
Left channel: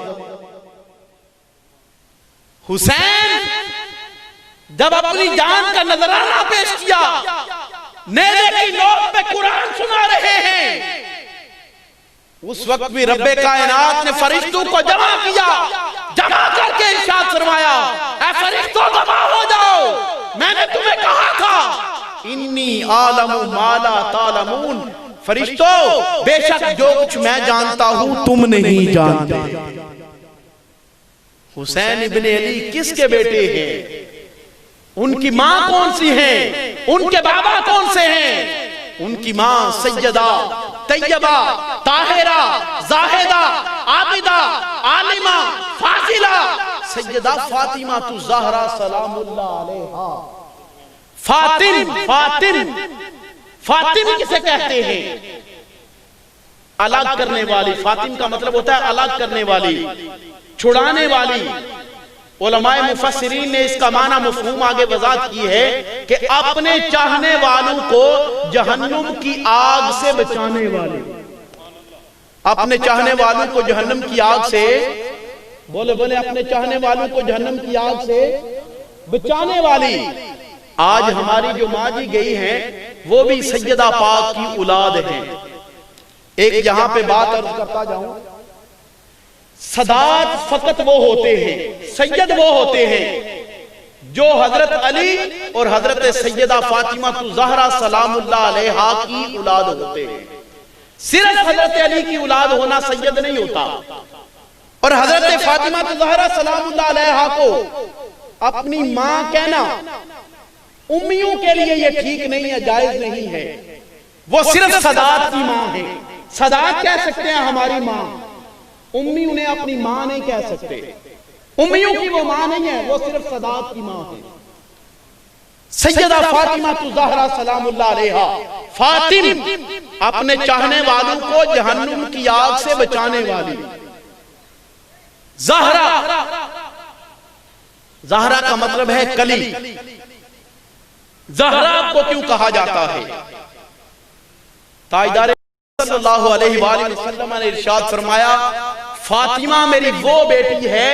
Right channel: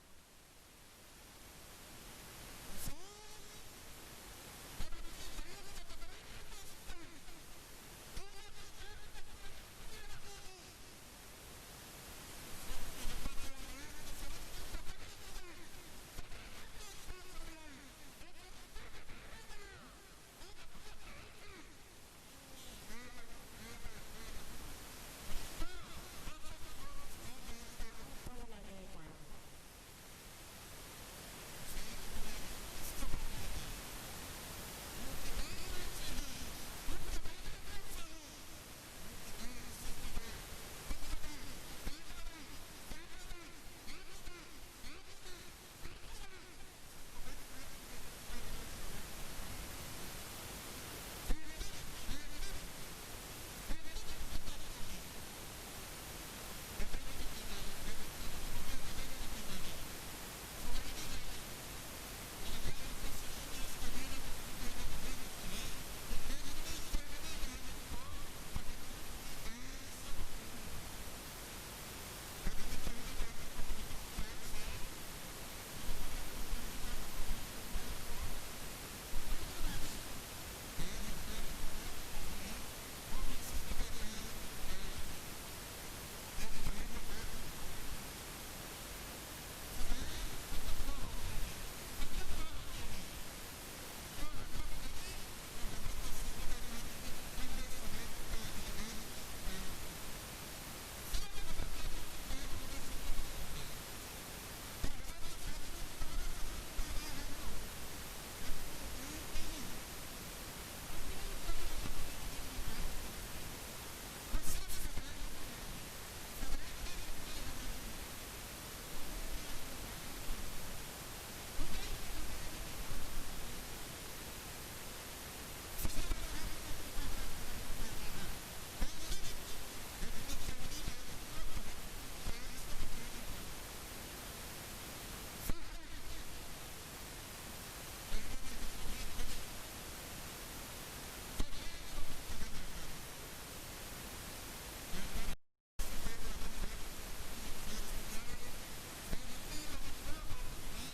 حسین جب اپنی جان کا نذرانہ پیش کیا، نیزے کی نوک پہ قرآن سنا رہے ہیں، اس وقت بھی رب کائنات نے فرشتوں کو جمع کیا، جمع کر کے ارشاد فرمایا، اے فرشتوں جمع ہو جاؤ، میں نے تمہیں کہا تھا انی عالم ما لا تعلمون، فرشتوں بے شک جو کچھ میں جانتا ہوں تم نہیں جانتے۔ حسین ابن علی کس کے بیٹے ہیں؟ ان کی ماں کون سی ہیں؟ ان کے بابا کون سے ہیں؟ ان کی ماں سیدہ طیبہ طاہرہ زاہدہ عابدہ عالمہ فاضلہ سیدہ فاطمہ الزہرا سلام اللہ علیہا۔ فاطم کسے کہتے ہیں؟ الگ کرنے والی۔ فاطم کا مطلب ہوتا ہے الگ کرنے والی، چھڑانے والی۔ علماء مفسرین نے اس کا معنی مفہوم آگے وضاحت کی ہے کہ اپنے چاہنے والوں کو جہنم کی آگ سے بچانے والی، اپنے چاہنے والوں کو جہنم کی آگ سے، بولے اپنے چاہنے والوں کو جہنم کی آگ سے بچانے والی۔ آج ہماری جو ماں جی گئی ہیں وہ بھی سیدہ پاک کی اولاد ہیں۔ ایک یہاں پہ بات عرض کرتا جاؤں، سادات فقط وہ ہوتے ہیں، سید وہ ہوتے ہیں جو حضرت علی اور حضرت سیدہ فاطمہ الزہرا سلام اللہ علیہا کی اولاد ہوتے ہیں۔ صرف حضرت علی کی اولاد ہونا سید نہیں ہوتا، اور حضرت فاطمہ الزہرا سلام اللہ علیہا کو اپنی ماں کہنا امیوں کے لیے یہ ٹھیک نہیں ہے، جائز نہیں ہے۔ وہ صرف سادات کی ماں ہے، سادات کہہ سکتے ہیں ہماری ماں، امی انہیں اپنی ماں نہیں کہہ سکتے، امیوں کی وہ ماں نہیں ہے، وہ صرف سادات کی ماں ہے۔ سیدہ فاطمہ الزہرا سلام اللہ علیہا، فاطم اپنے چاہنے والوں کو جہنم کی آگ سے بچانے والی۔ زہرا، زہرا کا مطلب ہے کلی۔ زہرا کو کیوں کہا جاتا ہے؟ تاجدار صلی اللہ علیہ وآلہ وسلم نے ارشاد فرمایا، فاطمہ میری وہ بیٹی ہے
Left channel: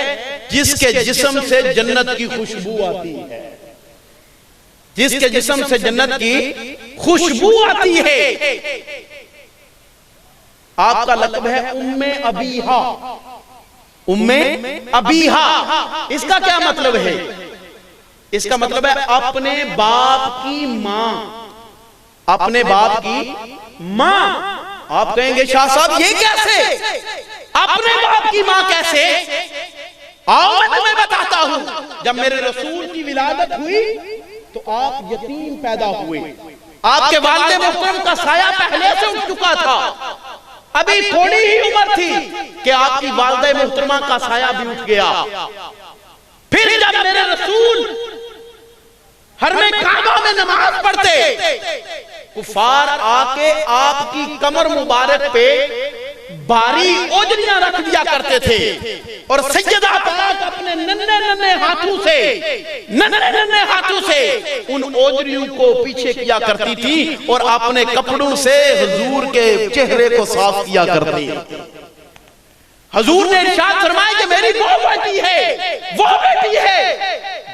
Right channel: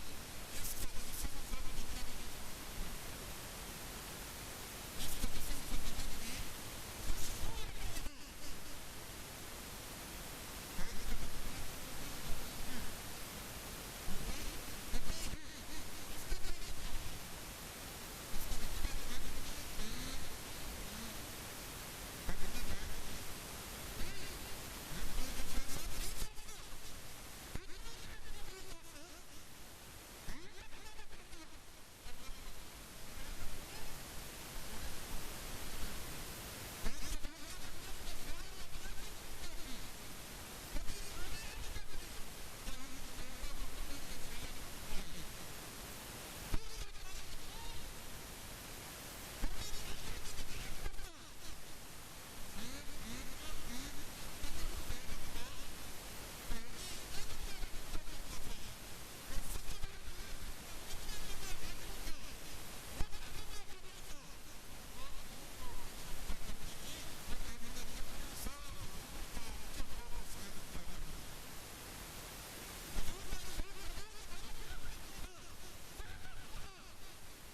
جس کے جسم سے جنت کی خوشبو آتی ہے، جس کے جسم سے جنت کی خوشبو آتی ہے۔ آپ کا لقب ہے ام ابیہا، ام ابیہا۔ اس کا کیا مطلب ہے؟ اس کا مطلب ہے اپنے باپ کی ماں، اپنے باپ کی ماں۔ آپ کہیں گے شاہ صاحب یہ کیسے؟ اپنے باپ کی ماں کیسے؟ آؤ میں تمہیں بتاتا ہوں۔ جب میرے رسول کی ولادت ہوئی تو آپ یتیم پیدا ہوئے، آپ کے والد محترم کا سایہ پہلے سے اٹھ چکا تھا، ابھی تھوڑی ہی عمر تھی کہ آپ کی والدہ محترمہ کا سایہ بھی اٹھ گیا۔ پھر جب میرے رسول حرم کعبہ میں نماز پڑھتے، کفار آکے آپ کی کمر مبارک پہ باری اوجریاں رکھ دیا کرتے تھے، اور سیدہ پاک اپنے ننھے ہاتھوں سے ان اوجریوں کو پیچھے کیا کرتی تھی، اور اپنے کپڑوں سے حضور کے چہرے کو صاف کیا کرتی۔ حضور نے ارشاد فرمایا کہ میری وہ بیٹی ہے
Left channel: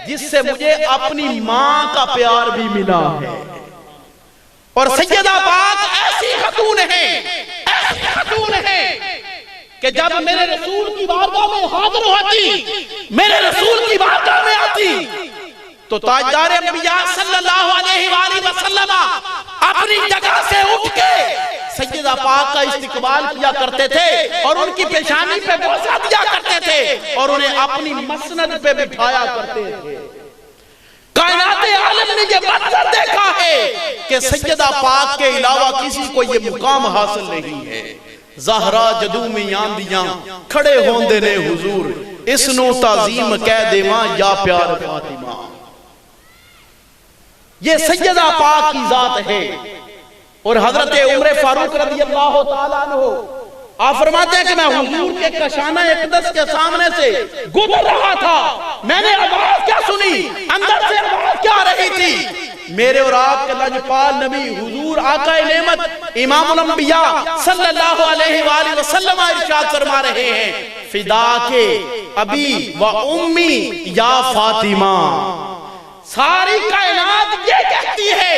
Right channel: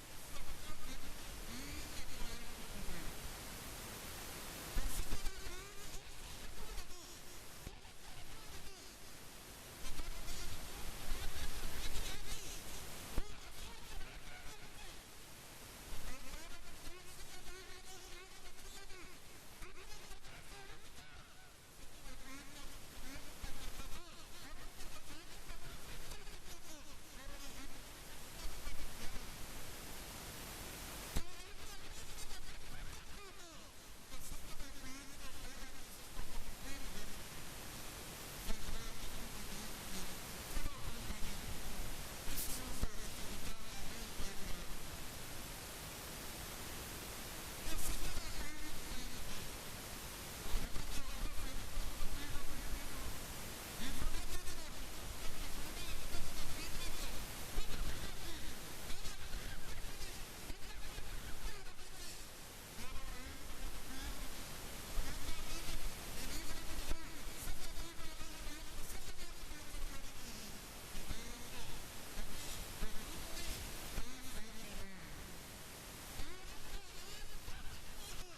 جس سے مجھے اپنی ماں کا پیار بھی ملا ہے۔ اور سیدہ پاک ایسی خاتون ہے کہ جب میرے رسول کی بارگاہ میں حاضر ہوتی، میرے رسول کی بارگاہ میں آتی، تو تاجدار انبیاء صلی اللہ علیہ وآلہ وسلم اپنی جگہ سے اٹھ کے سیدہ پاک کا استقبال کیا کرتے تھے، اور ان کی پیشانی پہ بوسہ دیا کرتے تھے، اور انہیں اپنی مسند پہ بٹھایا کرتے تھے۔ کائنات عالم نے یہ منظر دیکھا ہے کہ سیدہ پاک کے علاوہ کسی کو یہ مقام حاصل نہیں ہے۔ زہرا جدو میں آندیاں کھڑے ہوندے نے حضور، اس نو تعظیم کہہ دیواں یا پیار فاطمہ۔ یہ سیدہ پاک کی ذات ہے۔ اور حضرت عمر فاروق رضی اللہ تعالیٰ عنہ آپ فرماتے ہیں کہ میں حضور کے کشانہ اقدس کے سامنے سے گزر رہا تھا، میں نے آواز کیا سنی، اندر سے آواز کیا رہی تھی، میرے اور آپ کے لجپال نبی حضور آقا نعمت امام الانبیاء صلی اللہ علیہ وآلہ وسلم ارشاد فرما رہے ہیں فدا کے ابی و امی یا فاطمہ. ساری کائنات یہ کہتی ہے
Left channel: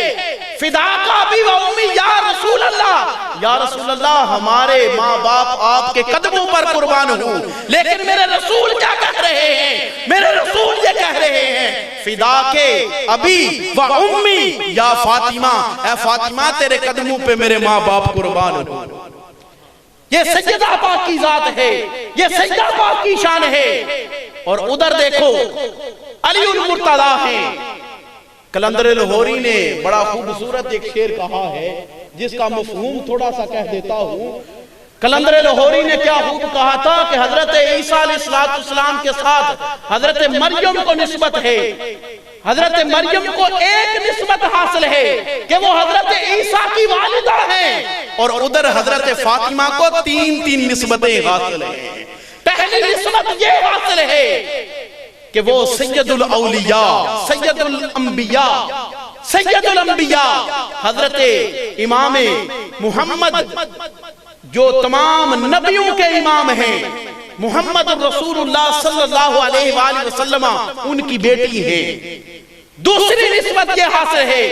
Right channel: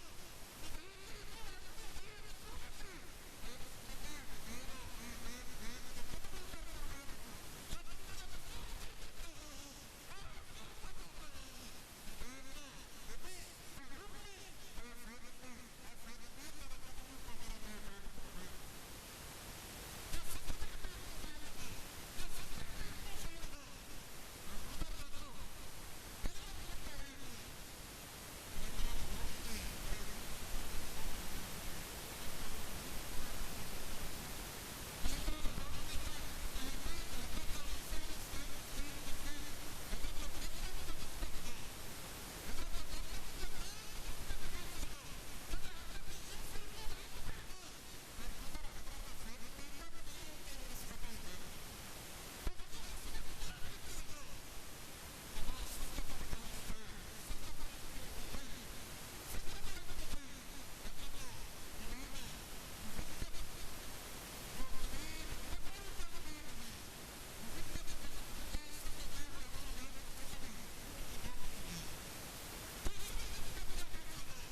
فدا کا ابی و امی یا رسول اللہ، یا رسول اللہ ہمارے ماں باپ آپ کے قدموں پر قربان ہوں، لیکن میرے رسول کیا کہہ رہے ہیں، میرے رسول یہ کہہ رہے ہیں فدا کے ابی و امی یا فاطمہ، اے فاطمہ تیرے قدموں پہ میرے ماں باپ قربان ہوں. یہ سیدہ پاک کی ذات ہے، یہ سیدہ پاک کی شان ہے. اور ادھر دیکھو علی المرتضیٰ ہیں. قلندر لاہوری نے بڑا خوبصورت ایک شعر کہا ہے جس کا مفہوم تھوڑا سا کہہ دیتا ہوں. قلندر لاہوری نے کیا خوب کہا تھا کہ حضرت عیسیٰ علیہ السلام کے ساتھ حضرت مریم کو نسبت ہے، حضرت مریم کو ایک نسبت حاصل ہے کہ وہ حضرت عیسیٰ کی والدہ ہیں، اور ادھر حضرت فاطمہ کو تین نسبتیں حاصل ہیں. پہلی نسبت یہ حاصل ہے کہ وہ سید الاولیاء، سید الانبیاء، سید الانبیاء حضرت امام محمد جو تمام نبیوں کے امام ہیں، محمد رسول اللہ صلی اللہ علیہ وآلہ وسلم ان کی بیٹی ہے. دوسری نسبت یہ حاصل ہے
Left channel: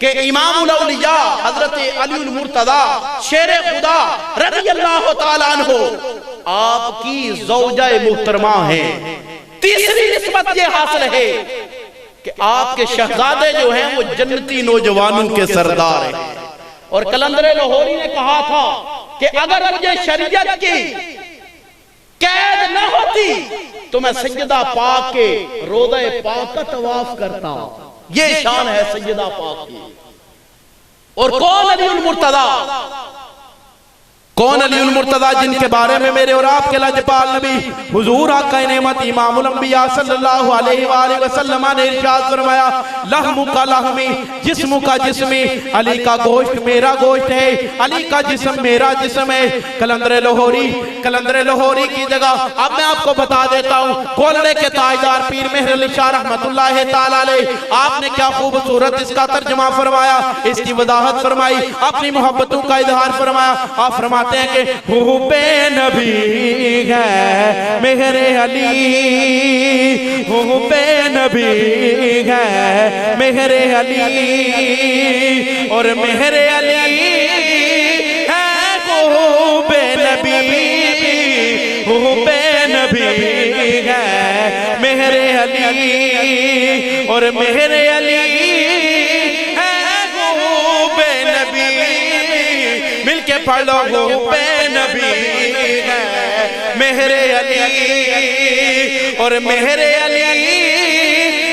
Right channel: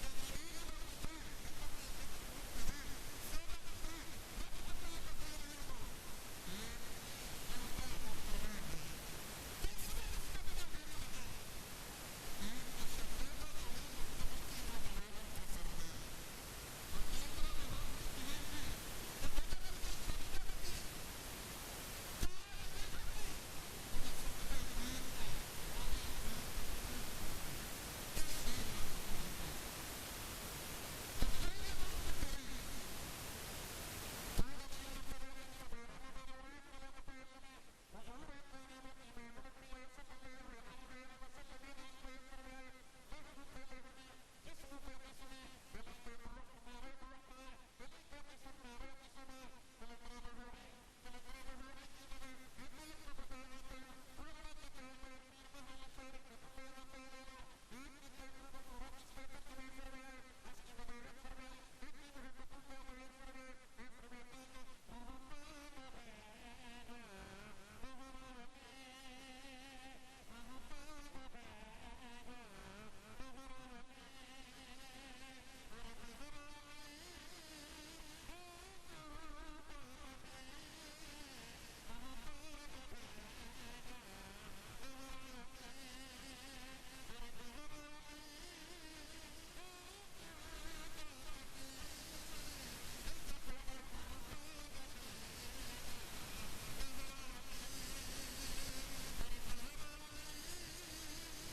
کہ امام الاولیاء حضرت علی المرتضیٰ شیر خدا رضی اللہ تعالیٰ عنہ آپ کی زوجہ محترمہ ہیں. تیسری نسبت یہ حاصل ہے کہ آپ کے شہزادے جو ہیں وہ جنتی نوجوانوں کے سردار ہیں. اور قلندر لاہوری نے کہا تھا کہ اگر مجھے شریعت کی قید نہ ہوتی تو میں سیدہ پاک کے روضہ پاک کا طواف کرتا. یہ شان ہے سیدہ پاک کی. اور کون علی المرتضیٰ؟ کون علی المرتضیٰ جن کے بارے میں میرے اور آپ کے لجپال نبی حضور آقا نعمت امام الانبیاء صلی اللہ علیہ وآلہ وسلم نے ارشاد فرمایا لحم کا لحمی، جسم کا جسمی، علی کا گوشت میرا گوشت ہے، علی کا جسم میرا جسم ہے. قلندر لاہوری کی جگہ اب میں آپ کو بتا دیتا ہوں کولڑے کے تاجدار پیر مہر علی شاہ رحمت اللہ تعالیٰ علیہ آپ نے کیا خوبصورت اس کا ترجمہ فرمایا، اس کی وضاحت فرمائی، اپنی محبتوں کا اظہار فرمایا. آپ فرماتے ہیں کہ حب نبی ہے مہر علی، حب نبی ہے مہر علی، اور مہر علی ہے حب نبی، حب نبی ہے مہر علی، اور مہر علی ہے حب نبی. مل کے پڑھ لو حب نبی ہے مہر علی، اور مہر علی ہے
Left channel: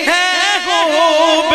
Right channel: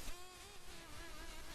حب